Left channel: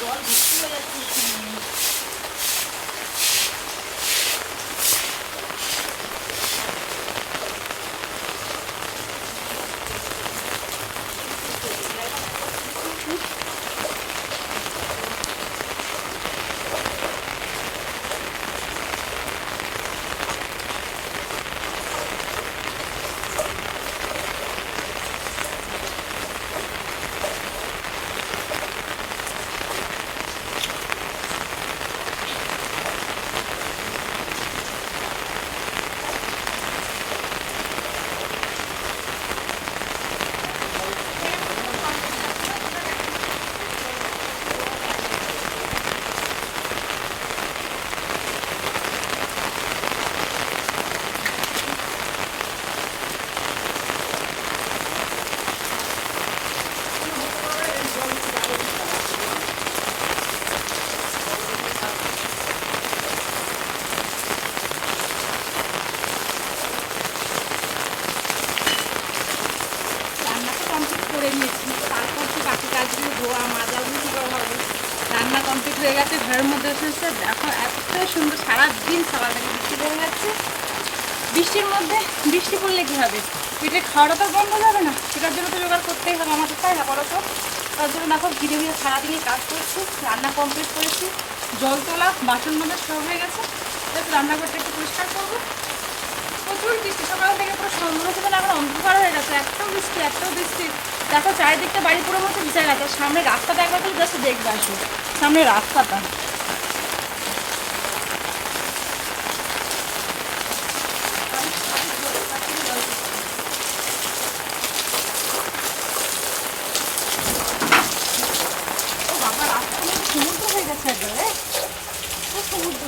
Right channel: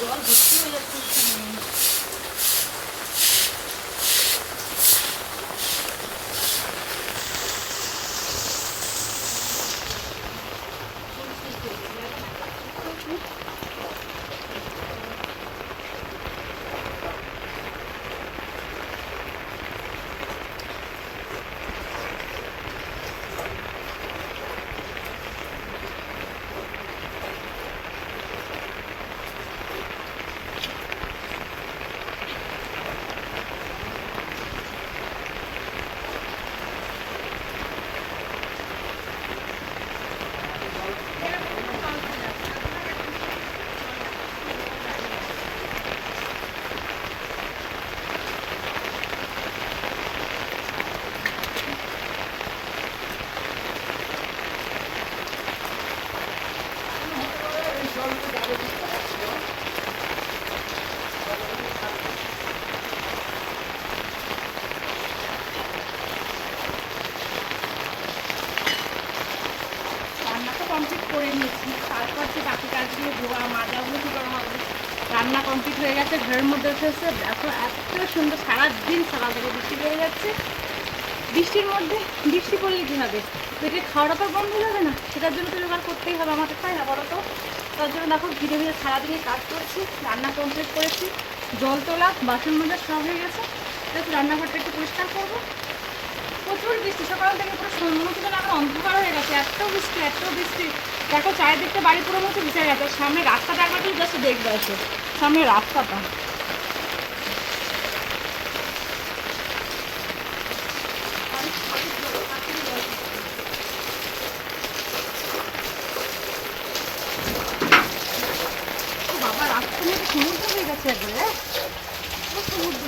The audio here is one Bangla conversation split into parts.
জল ভর্তি হয়ে যাচ্ছে করে নিয়েছি। তারপর তো বাকি কাজগুলো ধোয়া, মাজাগুলো করা হবে। রান্না কমপ্লিট হয়ে গেছে, ঘরের মধ্যে এসেছে দেখো এত সুন্দর সারাদিন সকাল থেকে বৃষ্টি পড়ে যাচ্ছে। বৃষ্টির মধ্যে বৃষ্টি পড়লে কী হবে? পেটে খাওয়াটা তো বন্ধ যাবে না। সেটার জন্য তো জোগাড় করতেই হবে। আমাদের তাই না বলো তো? তার জন্য দেখো ধীরে ধীরে সারাদিনে কাজ করছি, রান্না কমপ্লিট করেছি। জল তোলা, বাসন মধ্যে সব হয়ে গেছে। রান্নাঘরটা একটু পরিষ্কার করব। প্রচুর বৃষ্টি। সকাল থেকে পুরো যেন এখন অন্ধকার হয়ে গেছে। এত বৃষ্টি এত বৃষ্টি। দেখো চারিদিকটা বাড়ি পুরো মতো ভিজে গেছে। সামনে রাস্তাটা একবার জাস্ট দেখবে আসো সামনে রাস্তাটা। সমুদ্র হয়ে গেছে একবারে। সমুদ্র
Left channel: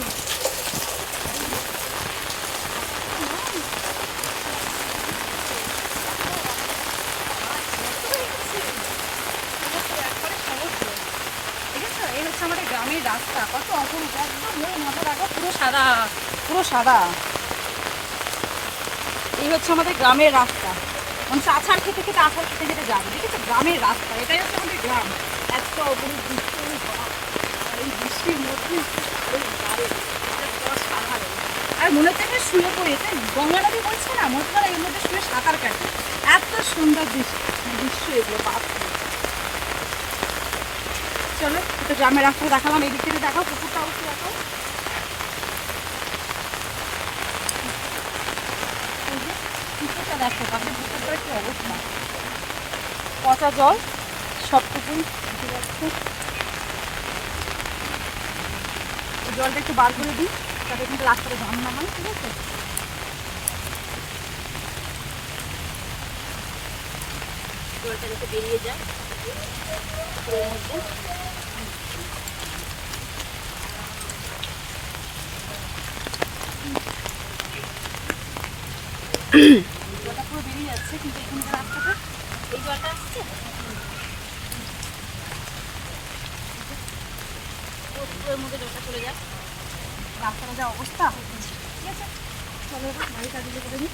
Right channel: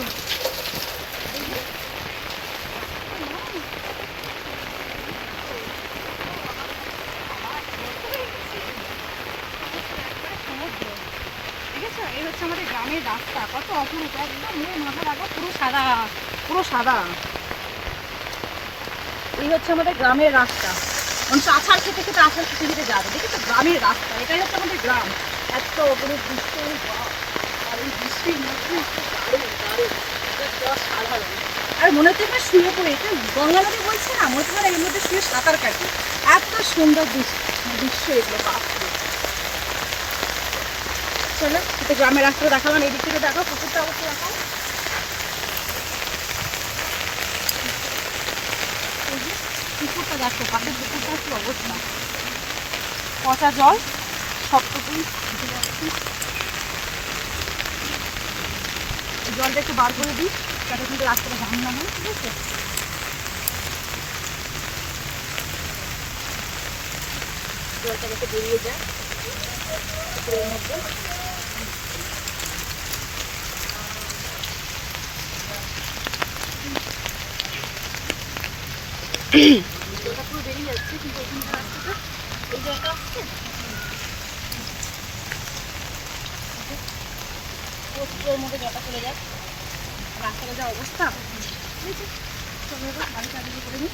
ঠিক আছে এই হচ্ছে আমাদের গ্রামের রাস্তা। কত অপরূপ, একদম মাথা রাখা, পুরো সাদা পুরো সাদা। এই হচ্ছে আমাদের গ্রামের রাস্তা। মানুষ আছাড় খেতে খেতে, আছাড় খেতে খেতে যাবে। দেখেছ? গ্রামের রাস্তা। এটাই হচ্ছে আমাদের গ্রাম। এত দৃশ্য বাহ! আর এই বৃষ্টির মধ্যে। আর মনে হচ্ছে এখানে শুয়ে পড়ে। এটা গঙ্গা নদী বলছে না? মনে হচ্ছে এর মধ্যে শুয়ে সাঁতার কাটে। এত সুন্দর দৃশ্য দৃশ্য এগুলো চলো, একটু গ্রামের রাস্তাটা দেখালাম, এদিক থেকে দেখাও পুকুরটা অবশ্যই দেখাও। পুকুরটা দেখো পুকুরটার কি অবস্থা? পচা জল সবটুকুই জলটা একটু বার করে দিই, যাতে কিন্তু রাস্তাটা জাম না হয়, ঠিক আছে? জলটা যাতে বেরিয়ে যায় জলটা পুরো বেরিয়ে যাচ্ছে কিন্তু এখানে যে রাস্তাটা এই জলটা আসছে পুরো পুকুরের মধ্যে জলটা চলে যাক রাস্তার যা অবস্থা ঠিক আছে চলো বাড়ি কাজে করে